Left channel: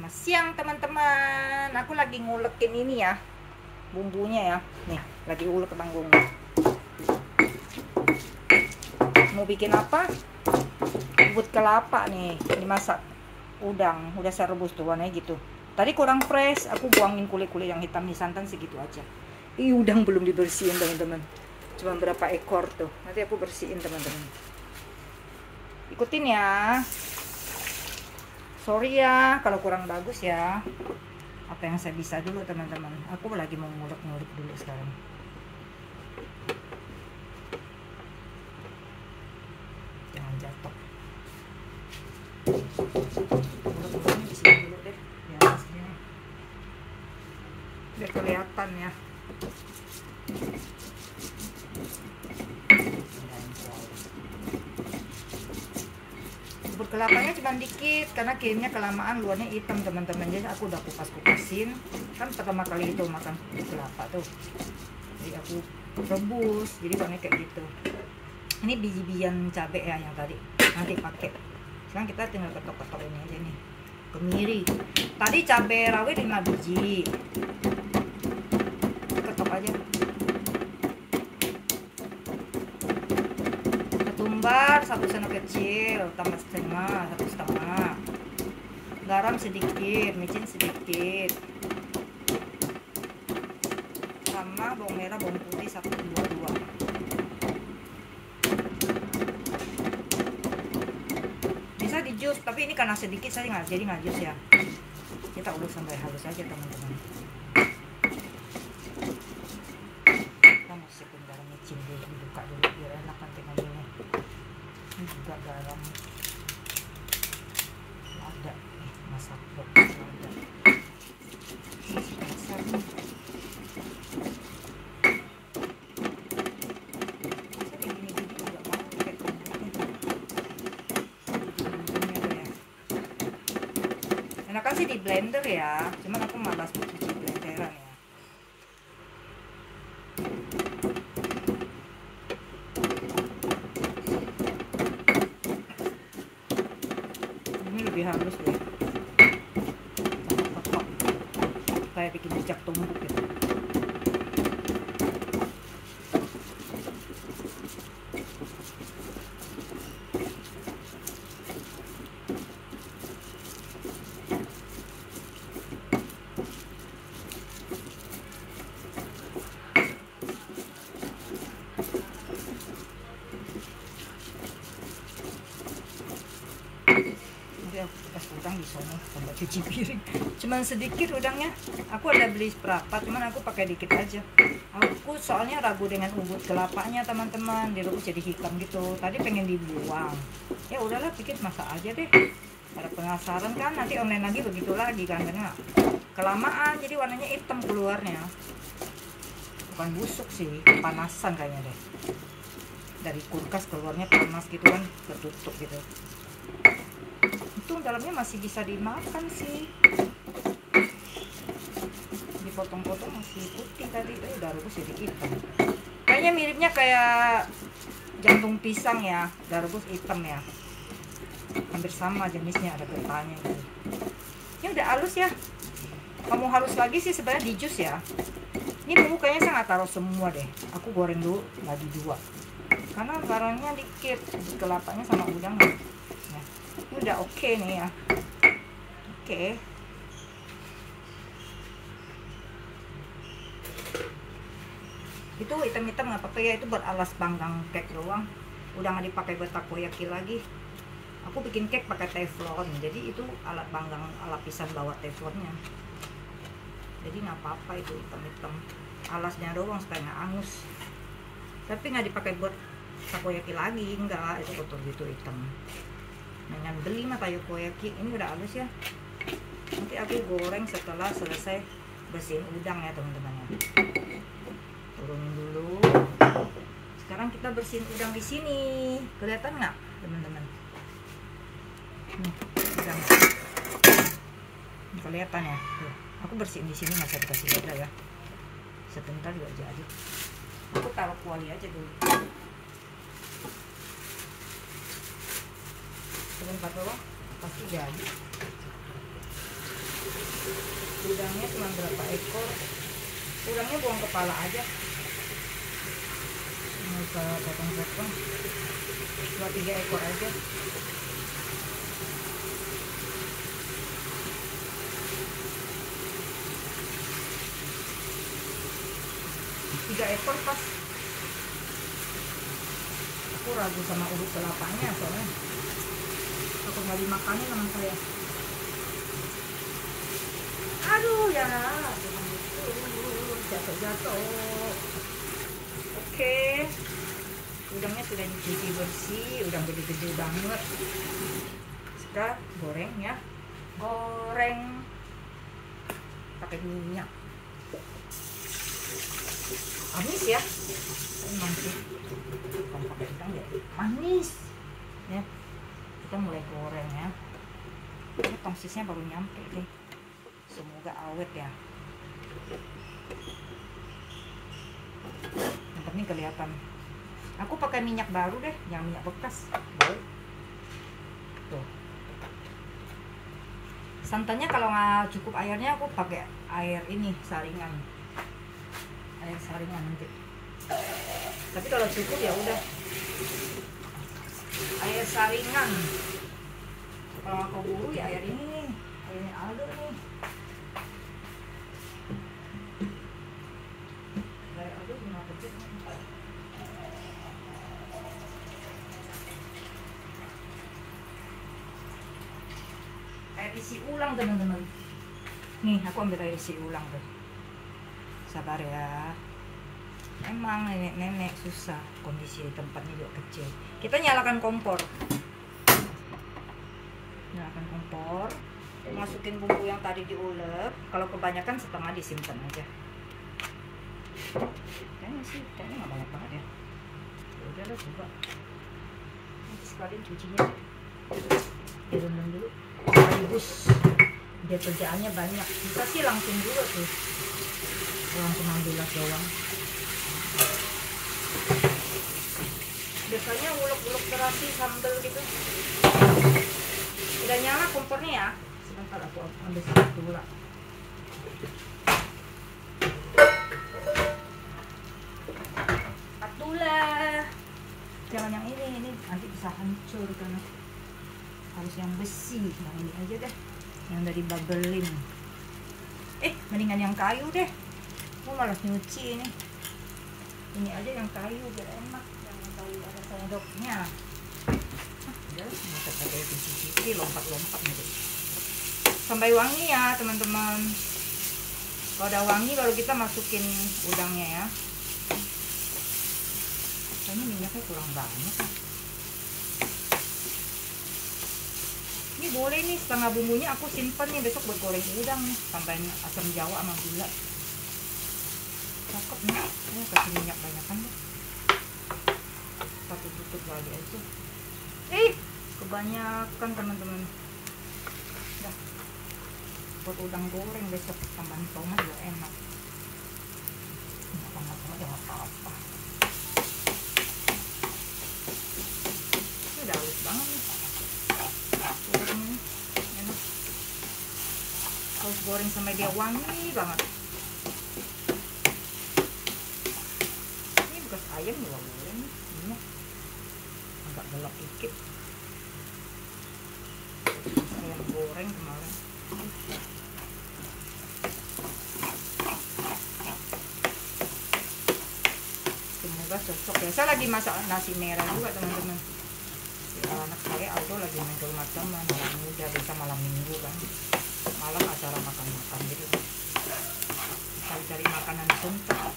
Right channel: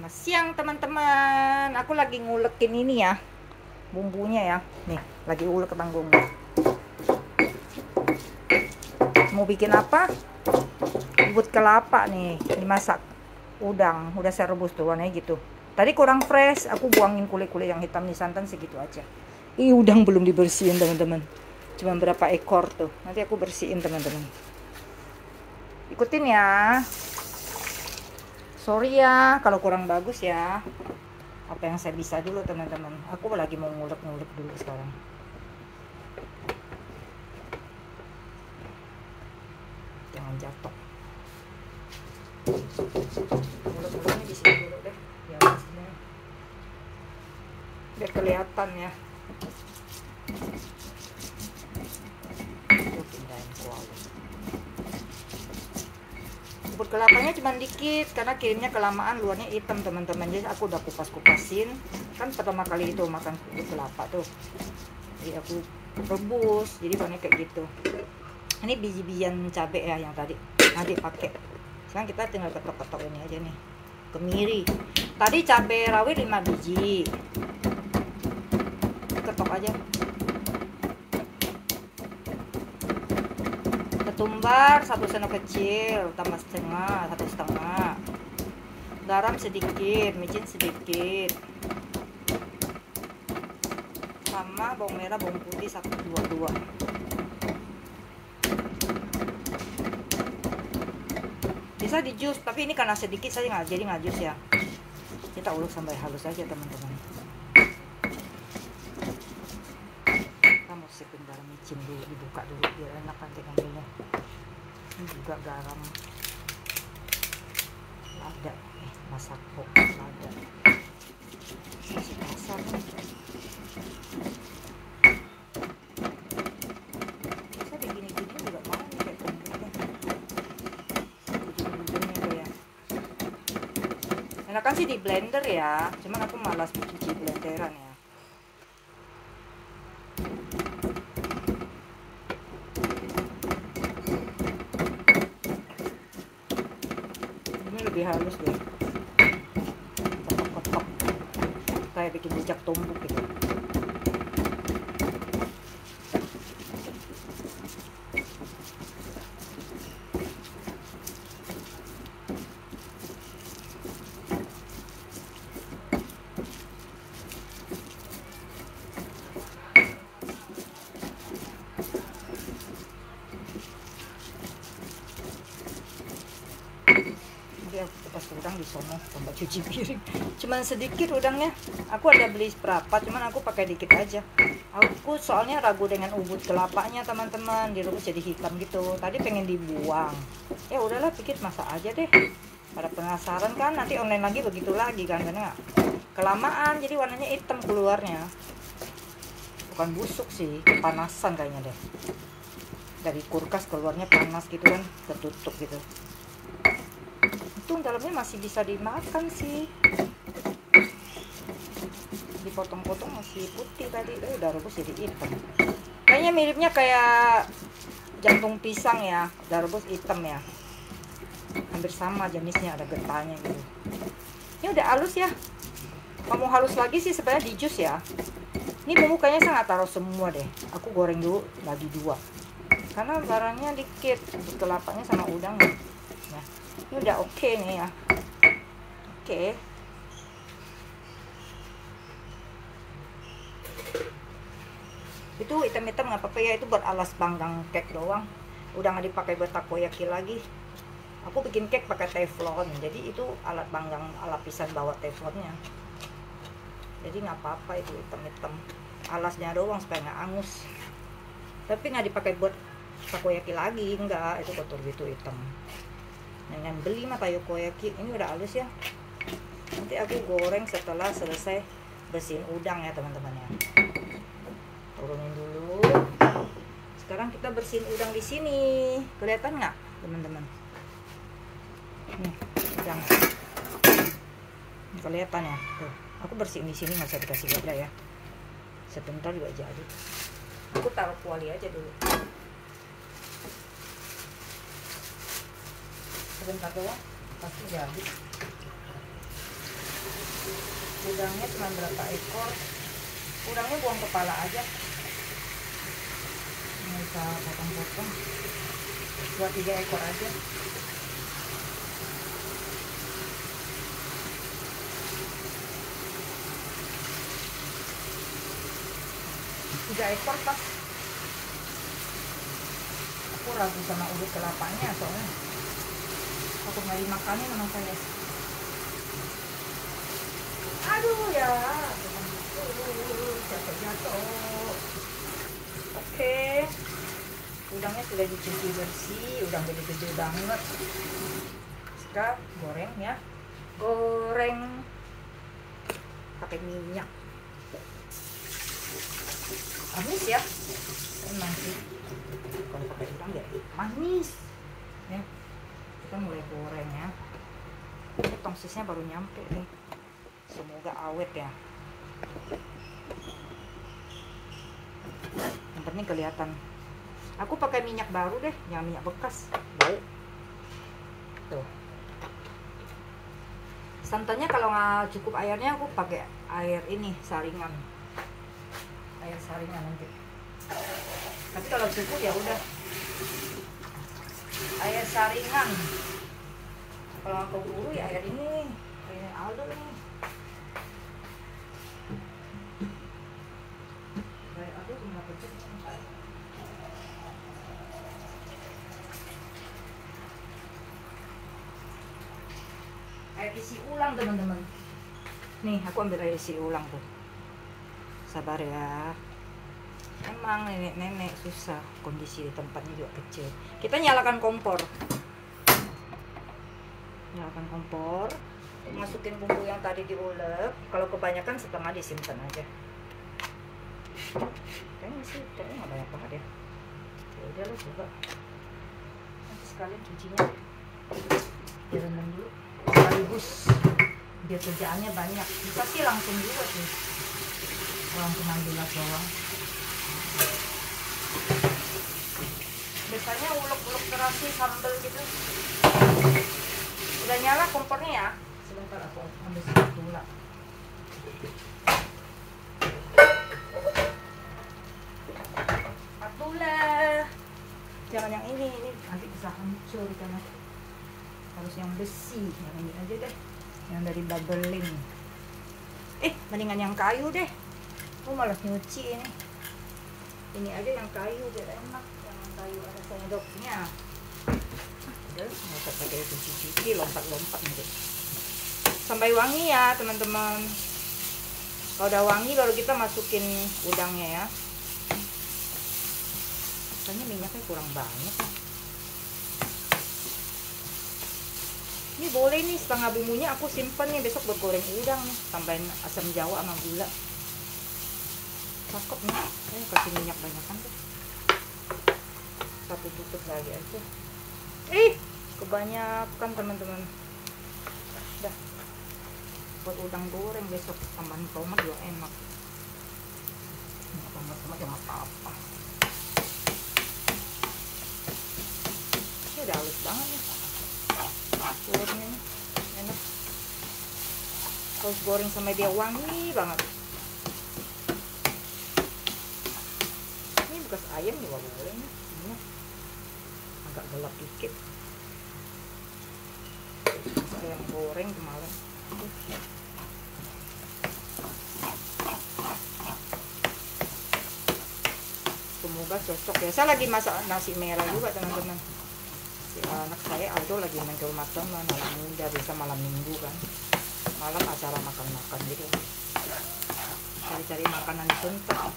Selamat siang teman-teman. Aku lagi ngulekin ini ya, bumbunya ya. Nih, lagi ulek tanggungnya. Mau bikin apa? Bubut kelapa nih, dimasak. Udang, udah saya rebus tuh warnanya gitu. Tadi kurang fresh, aku buangin kulit-kulit yang hitam nih, santan segitu aja. Ih, udang belum dibersihin teman-teman. Cuma berapa ekor tuh. Nanti aku bersihin teman-teman. Ikutin ya. Sorry ya kalau kurang bagus ya. Apa yang saya bisa dulu teman-teman. Aku lagi mau ngulek-ngulek dulu sekarang. Jangan jatuh. Ngulek-nguleknya di sini dulu deh. Biar kelihatan ya. Bubut kelapanya cuma dikit karena kayaknya kelamaan luarnya hitam teman-teman, jadi aku udah kupas-kupasin. Kan pertama kali itu makan bubut kelapa tuh, jadi aku rebus jadi warnanya kayak gitu. Ini biji-bijian cabai ya yang tadi nanti pakai. Sekarang kita tinggal ketok-ketok ini aja nih, kemiri. Tadi cabai rawit 5 biji, ketok aja. Ketumbar 1 sendok kecil, tambah setengah, 1,5. Garam sedikit, micin sedikit, sama bawang merah, bawang putih 1-2. Bisa di jus, tapi ini karena sedikit saya nggak jadi nggak jus ya. Kita ulek sampai halus aja teman-teman. Kita masukin garam micin dulu, dibuka dulu biar enak nanti ngambilnya. Ini juga garam ada nih, masak box ada. Masak nih. Masa begini-gini juga mau kayak komputer. Enakan sih di blender ya, cuman aku malas cuci blenderan ya. Lebih halus deh, ketok-ketok kayak bikin jejak tumbuk gitu. Aku kupas udang di sono, tambah cuci piring. Cuman sedikit udangnya. Aku ada beli berapa, cuman aku pakai dikit aja. Aku soalnya ragu dengan ubud kelapanya teman-teman, direbus jadi hitam gitu. Tadi pengen dibuang. Ya udahlah, pikir masak aja deh. Pada penasaran kan, nanti online lagi begitu lagi kan, karena kelamaan jadi warnanya hitam keluarnya. Bukan busuk sih, kepanasan kayaknya deh. Dari kulkas keluarnya panas gitu kan, tertutup gitu. Dalamnya masih bisa dimakan sih, dipotong-potong masih putih tadi. Udah rebus jadi hitam, kayaknya miripnya kayak jantung pisang ya, udah rebus hitam ya, hampir sama jenisnya, ada getahnya gitu. Ini udah halus ya. Kamu halus lagi sih sebenarnya di jus ya. Ini bumbu kayaknya saya nggak taruh semua deh, aku goreng dulu lagi 2 karena barangnya dikit, kelapanya sama udang. Ini udah oke nih ya. Oke. Itu hitam-hitam nggak apa-apa ya, itu buat alas panggang cake doang. Udah nggak dipakai buat takoyaki lagi. Aku bikin cake pakai teflon, jadi itu alat panggang, lapisan bawah teflonnya. Jadi nggak apa-apa itu hitam-hitam. Alasnya doang supaya nggak angus. Tapi nggak dipakai buat takoyaki lagi, enggak, itu kotor gitu hitam. Dengan beli mah takoyaki. Ini udah halus ya. Nanti aku goreng setelah selesai bersihin udang ya teman-teman ya. Turunin dulu. Sekarang kita bersihin udang di sini. Kelihatan nggak teman-teman? Nih udang. Kelihatan ya. Tuh, aku bersihin di sini, nggak usah dikasih wadah ya. Sebentar juga jadi. Aku taruh kuali aja dulu. Sebentar doang pasti jadi. udangnya cuma berapa ekor. Udangnya buang kepala aja, nggak usah potong-potong, 2-3 ekor aja. Tiga ekor pas. Aku ragu sama urut kelapanya, soalnya aku nyari makannya sama saya. Aduh ya, jatuh. Oke, udangnya sudah dicuci bersih, udang jadi gede banget. Kita goreng ya, goreng pakai minyak. Manis ya, emang sih. Bukan pakai udang ya, manis. Ya, kita mulai goreng ya. Ini tongsisnya baru nyampe nih. Semoga awet ya. Yang penting kelihatan. Aku pakai minyak baru deh, jangan minyak bekas. Bau. Tuh. Santannya kalau nggak cukup airnya, aku pakai air ini saringan. Air saringan nanti. Tapi kalau cukup ya udah. Air saringan. Kalau aku buru ya air ini Aldo nih. Air Aldo cuma kecil. Air isi ulang teman-teman. Nih aku ambil air isi ulang tuh. Sabar ya. Emang nenek-nenek susah, kondisi di tempatnya juga kecil. Kita nyalakan kompor. Nyalakan kompor. Masukin bumbu yang tadi diulek. Kalau kebanyakan setengah disimpan aja. Kayaknya nggak banyak banget ya. Ya udahlah coba. Nanti sekalian cucinya direndam dulu. Sekaligus dia kerjaannya banyak. Bisa sih langsung juga tuh. Langsung ambil doang. Biasanya ulek-ulek terasi sambal gitu. Udah nyala kompornya ya. Sebentar aku ambil spatula. Spatula. Jangan yang ini nanti bisa hancur karena harus yang besi. Nah ini aja deh, yang dari Babelin. Mendingan yang kayu deh. Oh malah nyuci ini. Ini aja yang kayu biar enak. Yang kayu ada sendoknya. Udah, nggak usah pakai cuci-cuci, lompat-lompat gitu. Sampai wangi ya teman-teman. Kalau udah wangi baru kita masukin udangnya ya. Kayaknya minyaknya kurang banyak. Ini boleh nih setengah bumbunya aku simpen nih, besok buat goreng udang nih. Tambahin asam jawa sama gula. Cakep nih, kasih minyak banyak kan deh. Satu tutup lagi aja. Kebanyakan teman-teman. Udah, buat udang goreng besok tambahan tomat juga enak. Nggak tambah tomat ya nggak apa-apa. Ini udah halus banget nih. Gorengnya nih, enak. Harus goreng sampai dia wangi banget. Bekas ayam juga boleh nih, ini agak gelap dikit. Ayam goreng kemarin. Semoga cocok ya. Saya lagi masak nasi merah juga teman-teman. Anak saya Aldo lagi main ke rumah teman. Ini udah bisa malam minggu kan. Malam acara makan-makan gitu. Cari-cari makanan suntuk.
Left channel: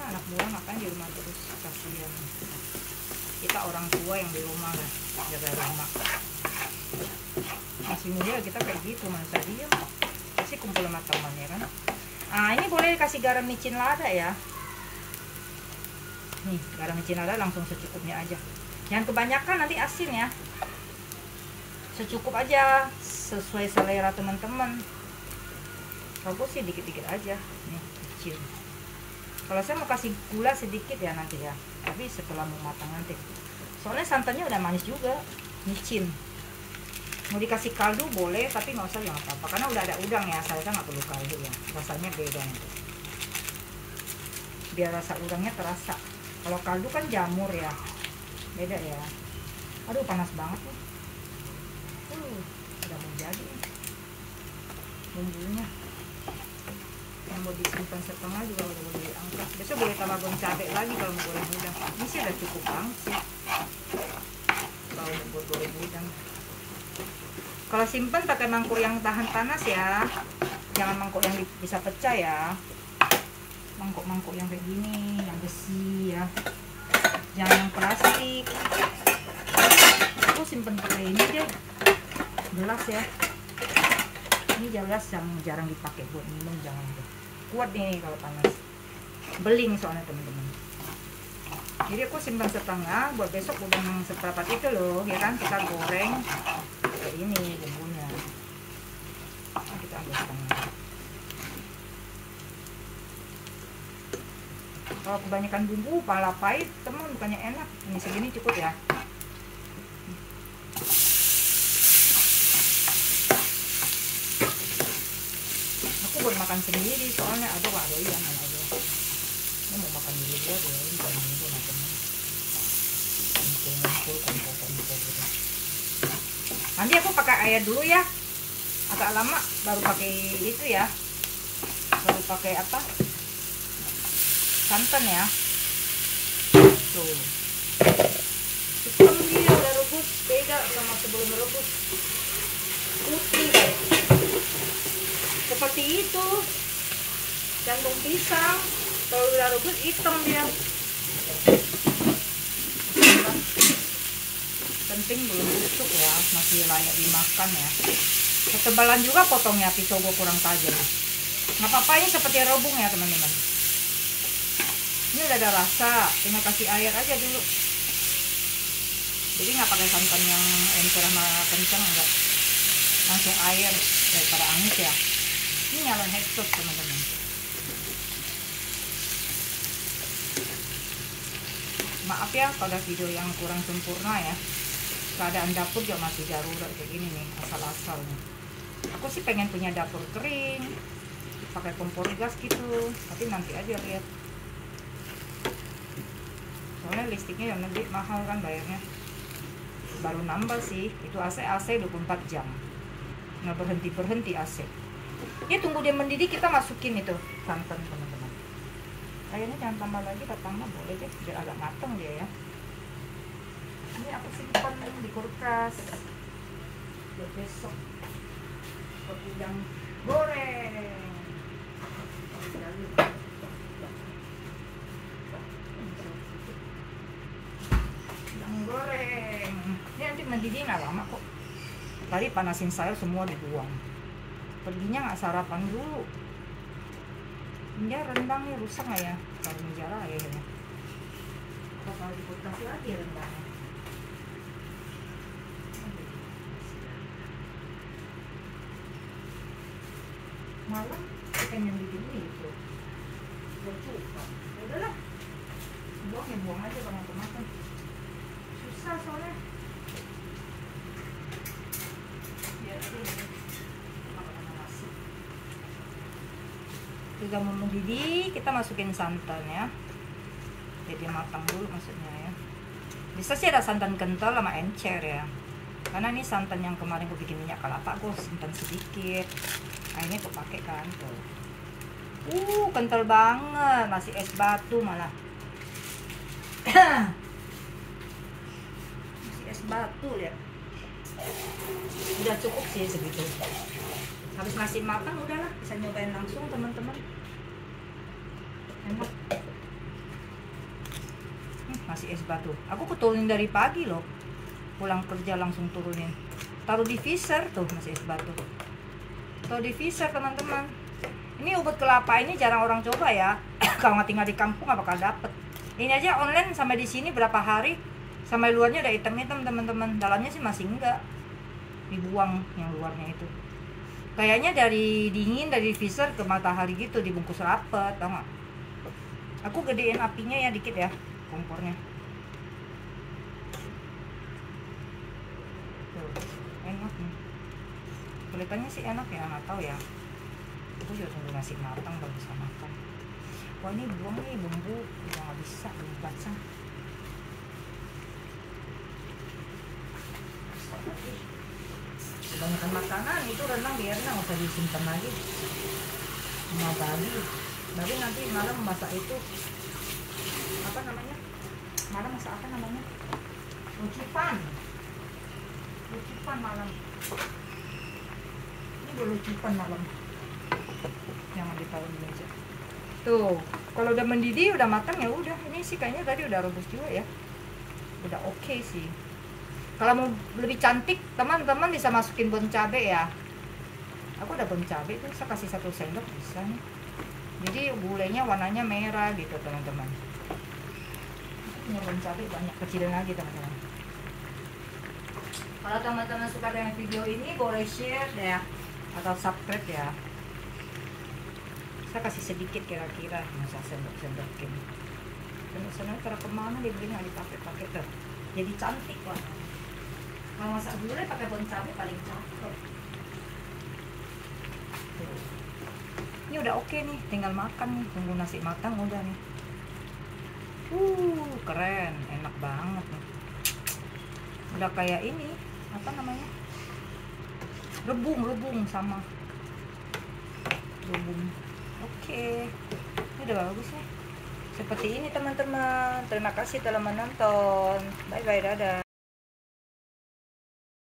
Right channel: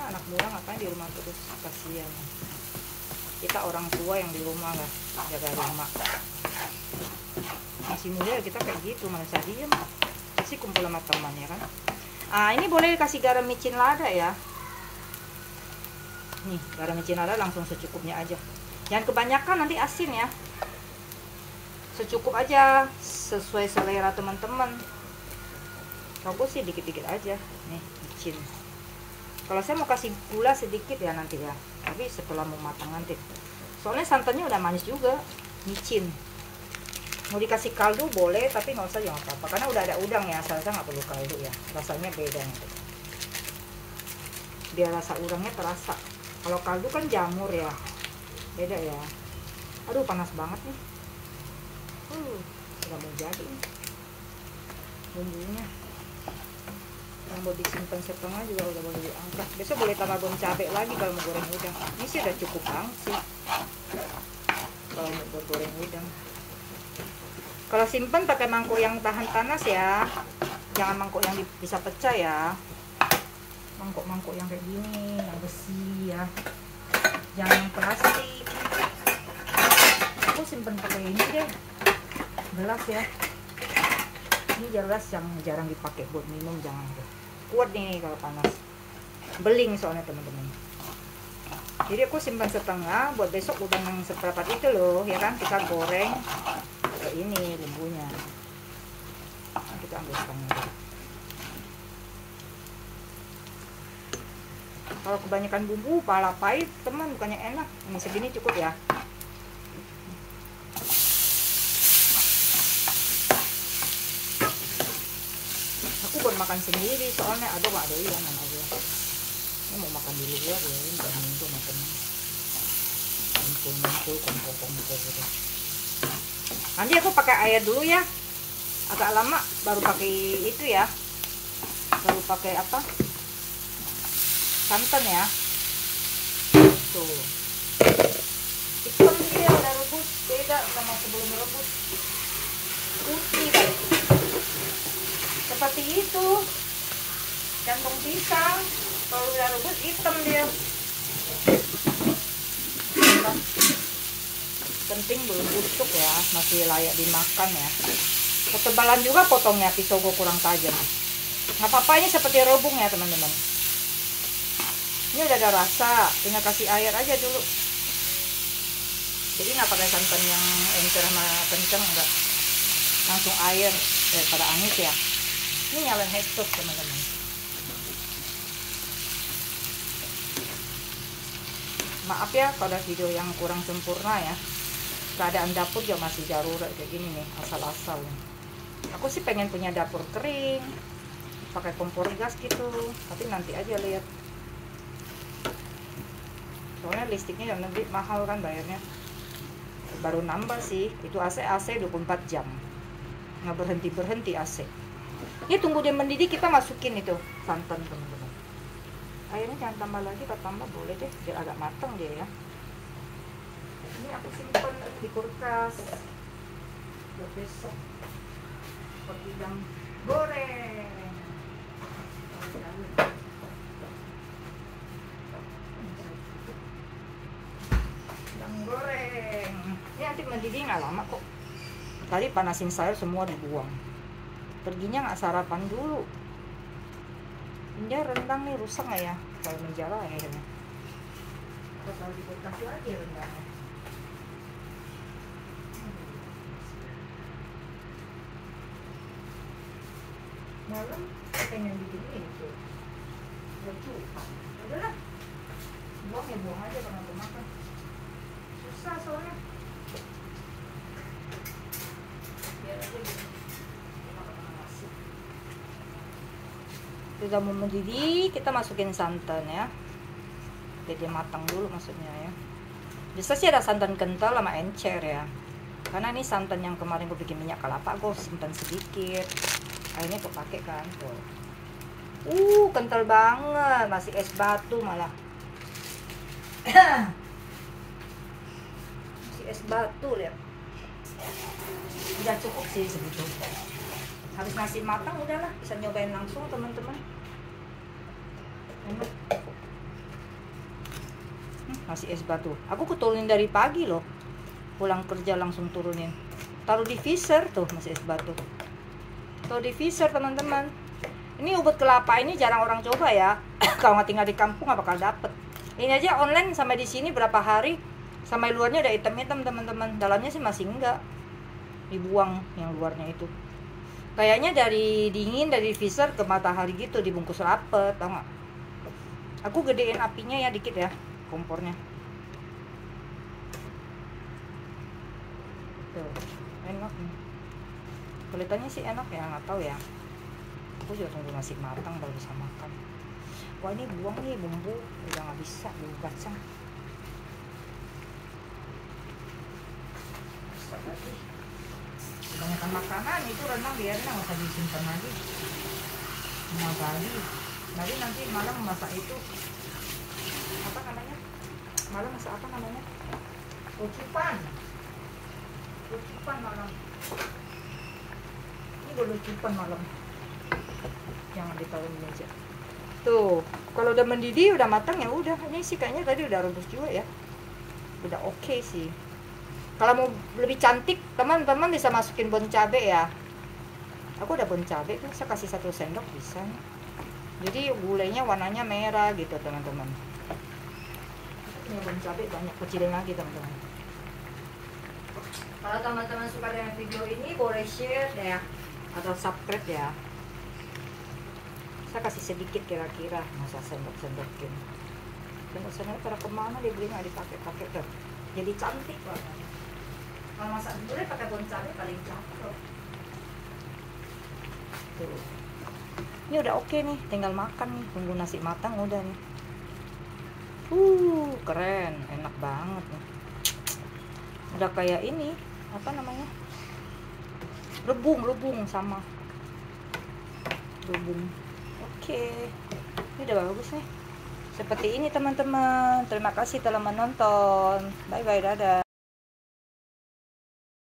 Anak muda ngapain di rumah terus, kasihan. Kita orang tua yang di rumah lah, jaga rumah. Masih muda kita kayak gitu, mana diam. Pasti kumpul sama teman ya kan. Ini boleh kasih garam micin lada ya. Nih garam micin lada langsung secukupnya aja. Jangan kebanyakan nanti asin ya. Secukup aja, sesuai selera teman-teman. Kalau sih dikit-dikit aja. Nih micin. Kalau saya mau kasih gula sedikit ya nanti ya, tapi setelah mau matang nanti. Soalnya santannya udah manis juga, micin. Mau dikasih kaldu boleh, tapi nggak usah, jangan apa-apa karena udah ada udang ya, salsa nggak perlu kaldu ya, rasanya beda gitu. Biar rasa udangnya terasa. Kalau kaldu kan jamur ya, beda ya. Aduh panas banget nih. Udah mau jadi bumbunya. Yang mau disimpan setengah juga udah boleh diangkat. Besok boleh tambah bawang cabai lagi kalau mau goreng udang. Ini sih udah cukup banget sih kalau mau goreng udang. Kalau simpen pakai mangkuk yang tahan panas ya, jangan mangkuk yang bisa pecah ya. Mangkuk-mangkuk yang kayak gini, yang besi ya, jangan yang plastik. Aku simpen pakai ini deh, gelas ya. Ini gelas yang jarang dipakai buat minum, jangan deh. Kuat nih kalau panas, beling soalnya teman-teman. Jadi aku simpan setengah buat besok udang yang seperempat itu loh ya kan, kita goreng kayak ini bumbunya. Nah, kita ambil setengah. Kalau kebanyakan bumbu pala pahit teman, bukannya enak. Ini segini cukup ya. Aku baru makan sendiri soalnya ada yang ini mau makan di luar ya, ini bukan minggu makan kumpul potong gitu. Nanti aku pakai air dulu ya, agak lama baru pakai itu ya, baru pakai apa, santan ya. Tuh hitam dia udah rebus, beda sama sebelum rebus, putih seperti itu. Jantung pisang kalau udah rebus hitam dia. Penting belum busuk ya, masih layak dimakan ya. Ketebalan juga potongnya, pisau gue kurang tajam. Nggak apa-apa, ini seperti rebung ya teman-teman. Ini udah ada rasa, tinggal kasih air aja dulu. Jadi nggak pakai santan yang encer sama kencang, enggak, langsung air daripada amis ya. Ini nyalain exhaust teman-teman. Maaf ya pada video yang kurang sempurna ya. Keadaan dapur juga masih darurat kayak gini nih, asal-asal. Aku sih pengen punya dapur kering, pakai kompor gas gitu, tapi nanti aja lihat. Soalnya listriknya yang nanti mahal kan bayarnya. Baru nambah sih, itu AC 24 jam. Nggak berhenti AC. Ya tunggu dia mendidih, kita masukin itu santan teman-teman. Airnya jangan tambah lagi, kalau tambah boleh deh, biar agak matang dia ya. Ini aku simpan di kulkas buat besok buat udang goreng. Udang goreng ini nanti mendidih nggak lama kok. Tadi panasin sayur semua dibuang, perginya nggak sarapan dulu. Ini rendang nih, rusak nggak ya kalau menjala airnya. Kita taruh di kulkas lagi rendangnya. Malam pengen bikin itu lucu, udahlah buang ya, buang aja kalau mau makan, susah soalnya. Biar aja gitu. Sudah mau mendidih, kita masukin santan ya, jadi matang dulu maksudnya ya. Bisa sih ada santan kental sama encer ya, karena ini santan yang kemarin gue bikin minyak kelapa, gue simpan sedikit. Airnya kepake kan tuh. Kental banget, masih es batu malah. Masih es batu lihat. Udah cukup sih segitu. Habis nasi matang udahlah, bisa nyobain langsung teman-teman. Enak. Masih es batu. Aku turunin dari pagi loh. Pulang kerja langsung turunin. Taruh di freezer tuh, masih es batu. Taruh di freezer teman-teman. Ini ubud kelapa ini jarang orang coba ya. Kalau nggak tinggal di kampung nggak bakal dapet. Ini aja online sampai di sini berapa hari, sampai luarnya udah hitam-hitam teman-teman. Dalamnya sih masih enggak. Dibuang yang luarnya itu. Kayaknya dari dingin dari freezer ke matahari gitu, dibungkus rapet, tau nggak? Aku gedein apinya ya dikit ya, kompornya. Tuh, enak nih. kelihatannya sih enak ya, nggak tahu ya. Aku juga tunggu nasi matang baru bisa makan. Wah ini buang nih bumbu, udah nggak bisa dibaca. Kebanyakan makanan itu rendang biarin, nggak usah disimpan lagi. Nah Bali nanti malam masak itu apa namanya? Malam masak apa namanya? Ucipan malam. Ini dulu ucipan malam. Jangan ditaruh di meja. Tuh, kalau udah mendidih, udah matang ya udah. Ini sih kayaknya tadi udah rebus juga ya. Udah oke sih. Kalau mau lebih cantik, teman-teman bisa masukin bon cabe ya. Aku ada bon cabe tuh, saya kasih 1 sendok bisa nih. Jadi gulainya warnanya merah gitu teman-teman. Punya bon cabe banyak, kecilin lagi teman-teman. Kalau teman-teman suka dengan video ini boleh share ya atau subscribe ya. Saya kasih sedikit kira-kira, masa sendok-sendokin. Sendok-sendok kalau kemana dia beli nggak dipakai-pakai tuh. Jadi cantik loh. Kalau masak gulai pakai bon cabe paling cakep. Tuh. Ini udah oke nih, tinggal makan nih, tunggu nasi matang udah nih. Keren, enak banget nih. Udah kayak ini, apa namanya? Rebung sama. Rebung. Oke. Ini udah bagus nih. Seperti ini teman-teman. Terima kasih telah menonton. Bye bye, dadah.